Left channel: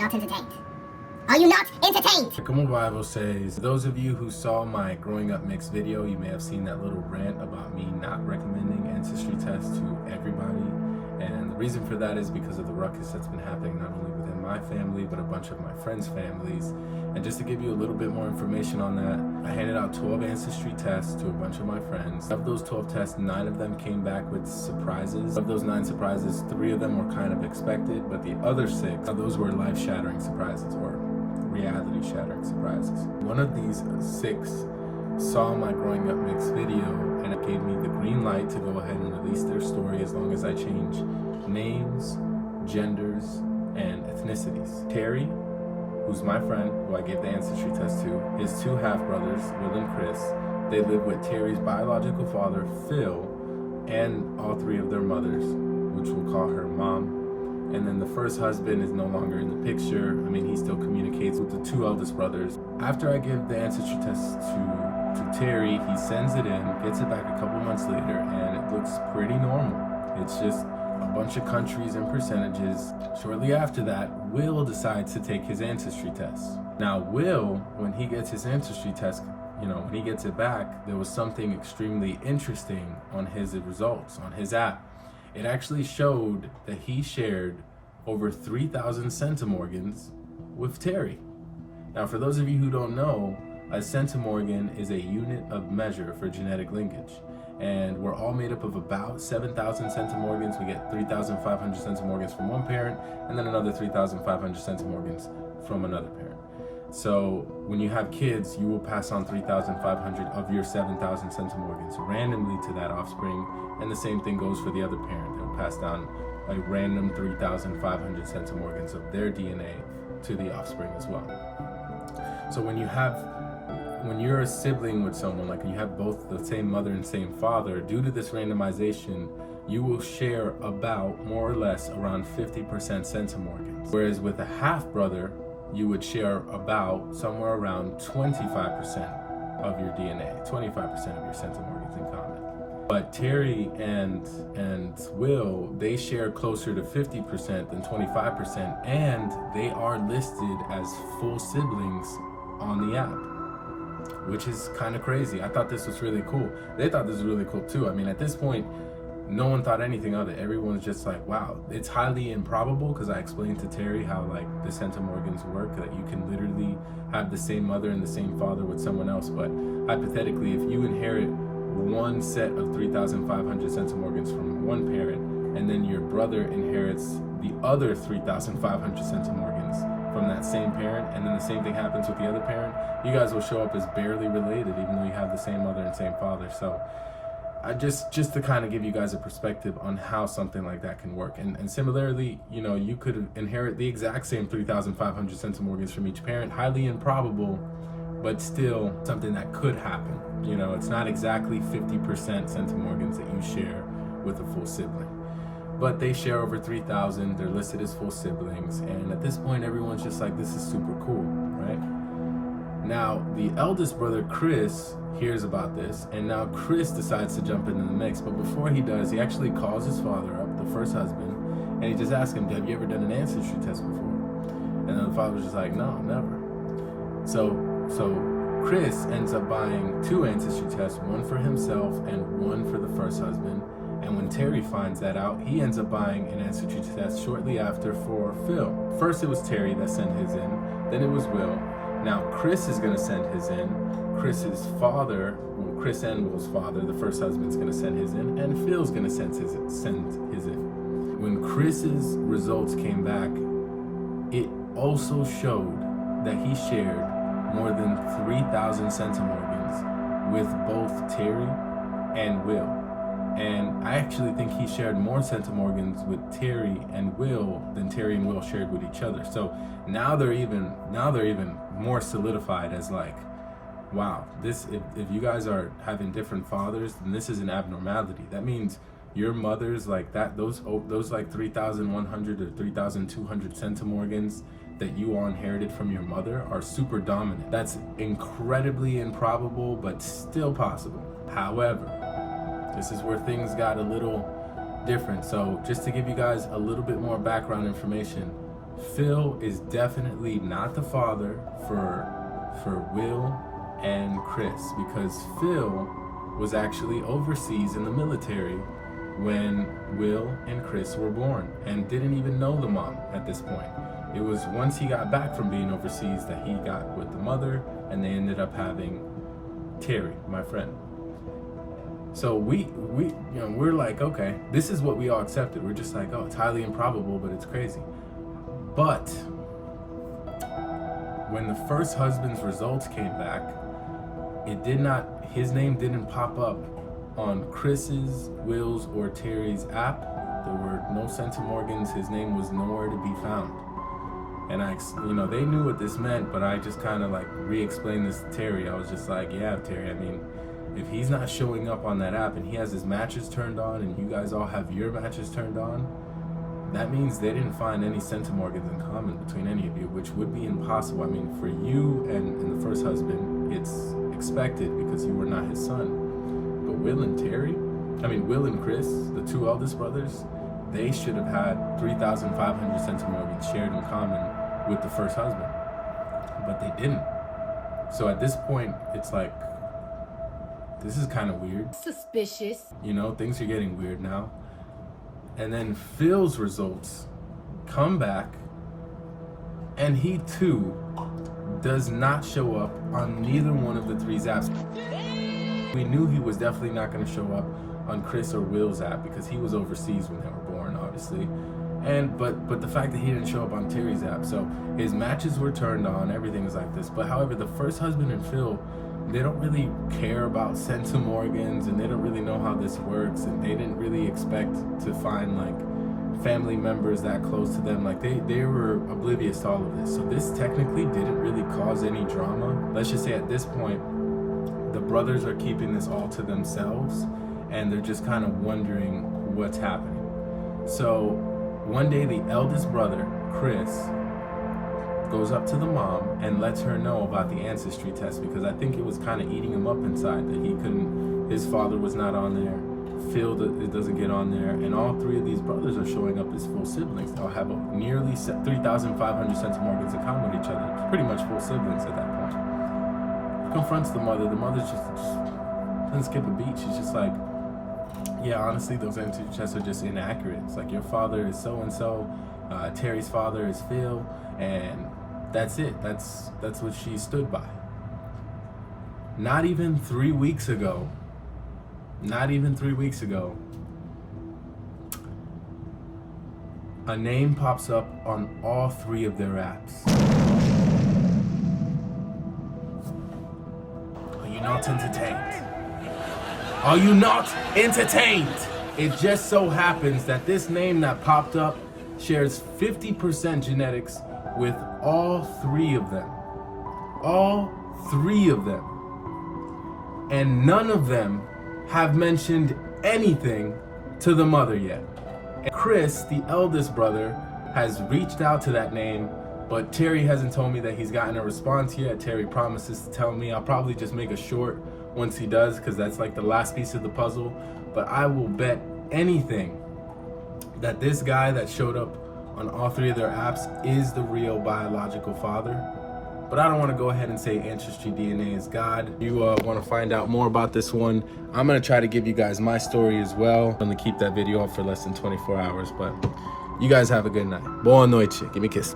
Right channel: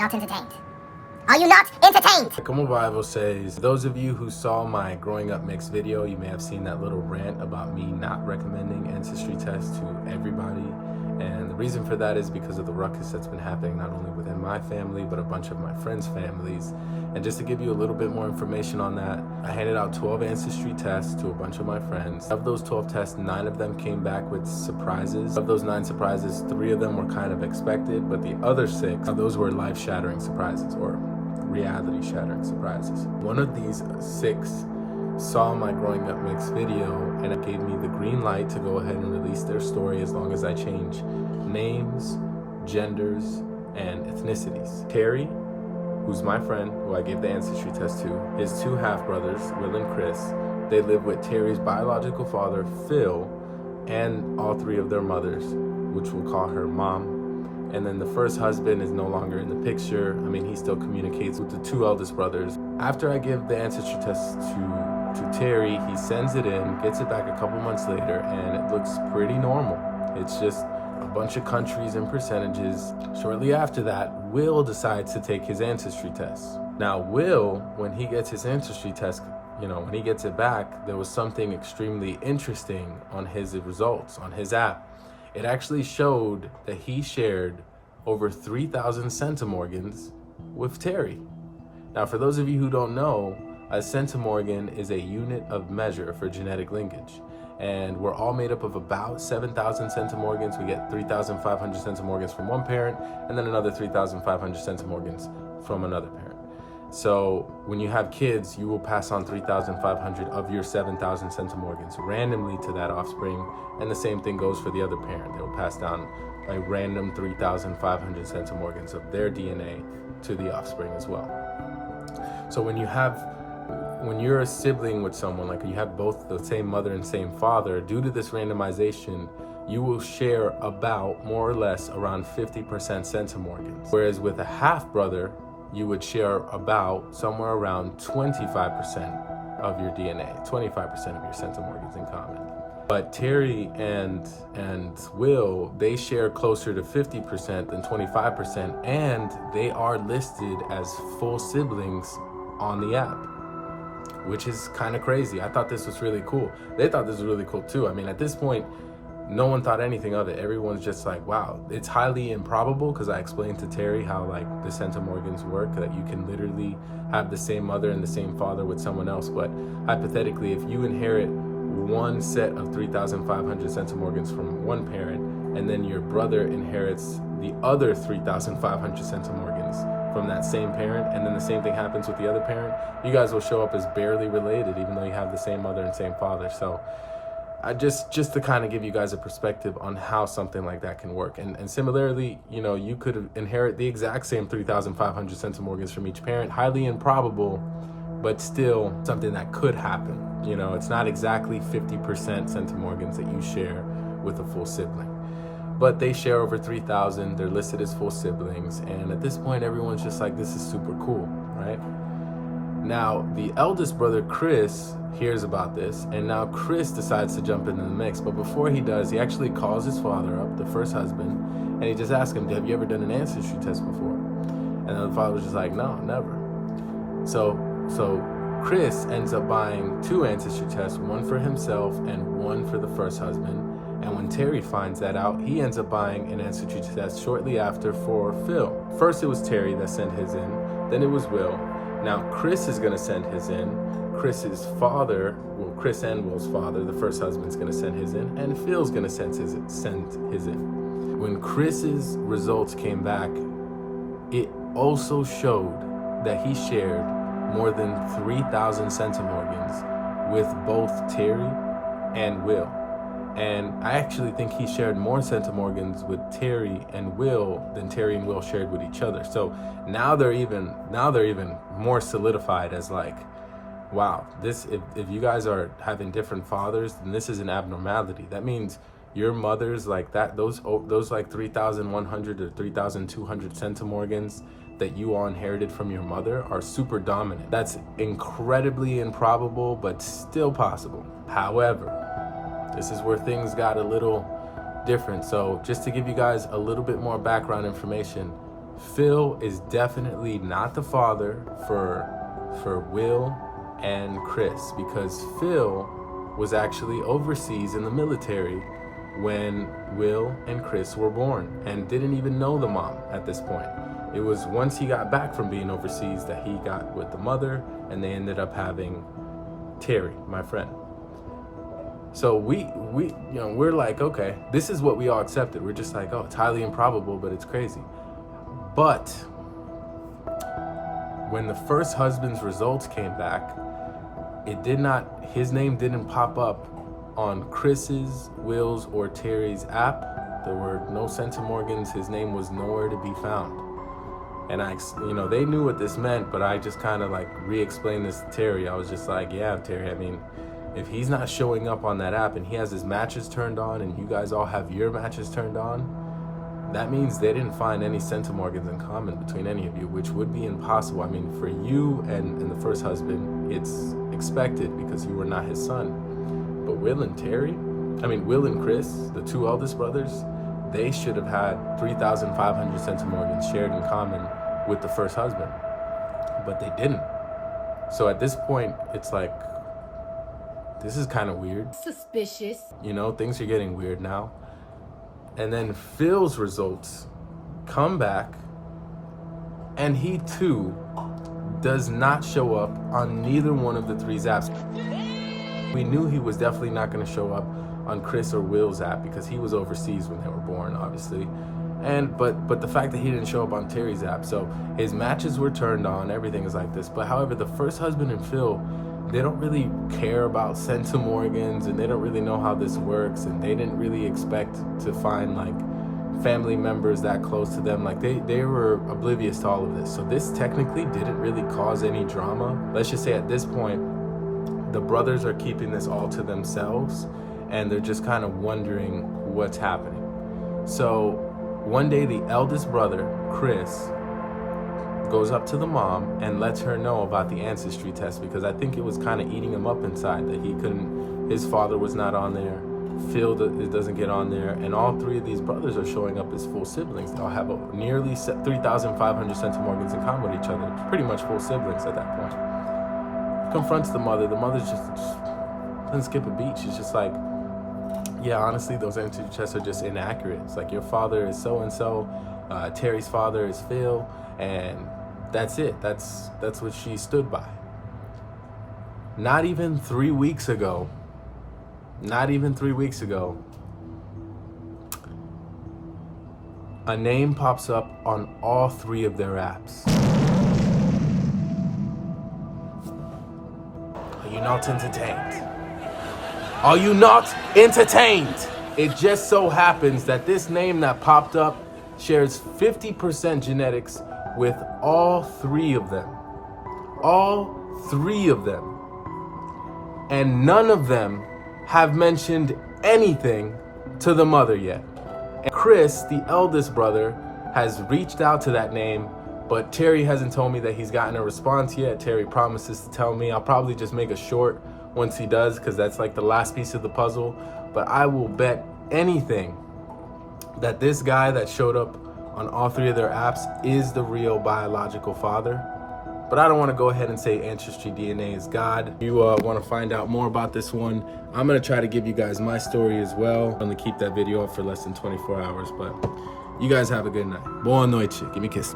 not entertained? Are you not entertained? Como Bible says, those of you who saw my growing up mixed video, you may have seen that little rant about me not recommending ancestry tests to everybody. And the reason for that is because of the ruckus that's been happening not only within my family, but a bunch of my friends' families. And just to give you a little bit more information on that, I handed out 12 ancestry tests to a bunch of my friends. Of those 12 tests, 9 of them came back with surprises. Of those 9 surprises, 3 of them were kind of expected, but the other 6, those were life-shattering surprises, or reality-shattering surprises. One of these 6 saw my growing up mixed video, and it gave me the green light to go ahead and release their story as long as I change names, genders, and ethnicities. Terry, who's my friend, who I gave the ancestry test to, his 2 half-brothers, Will and Chris, they live with Terry's biological father, Phil, and all 3 of their mothers, which we'll call her mom. And then the first husband is no longer in the picture. I mean, he still communicates with the 2 eldest brothers. After I give the ancestry test to Terry, he sends it in, gets it back a couple months later, and it looks pretty normal. It's just a bunch of countries and percentages. Shortly after that, Will decides to take his ancestry test. Now, Will, when he gets his ancestry test, when he gets it back, there was something extremely interesting on his results, on his app. It actually showed that he shared over 3,000 centimorgans with Terry. Now, for those of you who don't know, a centimorgan is a unit of measure for genetic linkage. And we're all made up of about 7,000 centimorgans. We get 3,500 centimorgans from one parent, and then another 3,500 centimorgans from another parent. So when you have kids, you will pass on 3,500 of your 7,000 centimorgans randomly to that offspring, and the same thing goes for the other parent. They'll pass down a random 3,500 centimorgans of their DNA to the offspring as well. So when you're a sibling with someone, like you have both the same mother and same father, due to this randomization, you will share about more or less around 50% centimorgans. Whereas with a half brother, you would share about somewhere around 25% of your DNA, 25% of your centimorgans in common. But Terry and Will, they share closer to 50% than 25%, and they are listed as full siblings on the app, which is kind of crazy. I thought this was really cool. They thought this was really cool too. I mean, at this point, no one thought anything of it. Everyone's just like, wow, it's highly improbable, because I explained to Terry how like the centimorgans work, that you can literally have the same mother and the same father with someone else. But hypothetically, if you inherit one set of 3,500 centimorgans from one parent, and then your brother inherits the other 3,500 centimorgans from that same parent, and then the same thing happens with the other parent, you guys will show up as barely related, even though you have the same mother and same father. So just to kind of give you guys a perspective on how something like that can work. And similarly, you could inherit the exact same 3,500 centimorgans from each parent. Highly improbable, but still something that could happen. It's not exactly 50% centimorgans that you share with a full sibling. But they share over 3,000, they're listed as full siblings, and at this point everyone's just like, this is super cool, right? Now, the eldest brother, Chris, hears about this, and now Chris decides to jump into the mix. But before he does, he actually calls his father up, the first husband, and he just asks him, have you ever done an ancestry test before? And then the father was just like, no, never. So Chris ends up buying 2 ancestry tests, one for himself and one for the first husband. And when Terry finds that out, he ends up buying an ancestry test shortly after for Phil. First it was Terry that sent his in, then it was Will. Now Chris is gonna send his in. Chris's father, Chris and Will's father, the first husband's gonna send his in, and Phil's gonna send his in. When Chris's results came back, it also showed that he shared more than 3,000 centimorgans with both Terry and Will. And I actually think he shared more centimorgans with Terry and Will than Terry and Will shared with each other. So now they're even more solidified as like, wow, this if you guys are having different fathers, then this is an abnormality. That means your mothers like that, those like 3,100 or 3,200 centimorgans that you all inherited from your mother are super dominant. That's incredibly improbable, but still possible. However, this is where things got a little different. So just to give you guys a little bit more background information, Phil is definitely not the father for Will and Chris, because Phil was actually overseas in the military when Will and Chris were born and didn't even know the mom at this point. It was once he got back from being overseas that he got with the mother, and they ended up having Terry, my friend. So we're like, okay, this is what we all accepted. We're just like, oh, it's highly improbable, but it's crazy. But when the first husband's results came back, his name didn't pop up on Chris's, Will's, or Terry's app. There were no centimorgans. His name was nowhere to be found. And they knew what this meant, but I just kind of like re-explained this to Terry. I was just like, yeah, Terry, I mean, if he's not showing up on that app and he has his matches turned on and you guys all have your matches turned on, that means they didn't find any centimorgans in common between any of you, which would be impossible. I mean, for you and the first husband, it's expected because you were not his son. But Will and Chris, the two eldest brothers, they should have had 3,500 centimorgans shared in common with the first husband, but they didn't. So at this point, it's like, this is kind of weird. Suspicious. Things are getting weird now. And then Phil's results come back, and he too does not show up on neither one of the three apps. We knew he was definitely not going to show up on Chris or Will's app because he was overseas when they were born, obviously. But the fact that he didn't show up on Terry's app, so his matches were turned on, everything is like this. But however, the first husband and Phil, they don't really care about centimorgans, and they don't really know how this works, and they didn't really expect to find like family members that close to them. Like they were oblivious to all of this. So this technically didn't really cause any drama. Let's just say at this point, the brothers are keeping this all to themselves, and they're just kind of wondering what's happening. So one day, the eldest brother, Chris, goes up to the mom and lets her know about the ancestry test, because I think it was kind of eating him up inside that his father was not on there, Phil doesn't get on there, and all three of these brothers are showing up as full siblings. They all have nearly 3,500 centimorgans in common with each other, pretty much full siblings at that point. Confronts the mother just doesn't skip a beat. She's just like, yeah, honestly, those ancestry tests are just inaccurate. It's like, your father is so-and-so, Terry's father is Phil, and that's it. That's what she stood by. Not even 3 weeks ago, a name pops up on all three of their apps. Are you not entertained? Are you not entertained? It just so happens that this name that popped up shares 50% genetics with all three of them. All three of them. And none of them have mentioned anything to the mother yet. And Chris, the eldest brother, has reached out to that name, but Terry hasn't told me that he's gotten a response yet. Terry promises to tell me. I'll probably just make a short once he does, because that's like the last piece of the puzzle. But I will bet anything that this guy that showed up on all three of their apps is the real biological father. But I don't want to go ahead and say Ancestry DNA is God. You want to find out more about this one, I'm going to try to give you guys my story as well. I'm going to keep that video up for less than 24 hours, but you guys have a good night. Boa noite. Give me a kiss.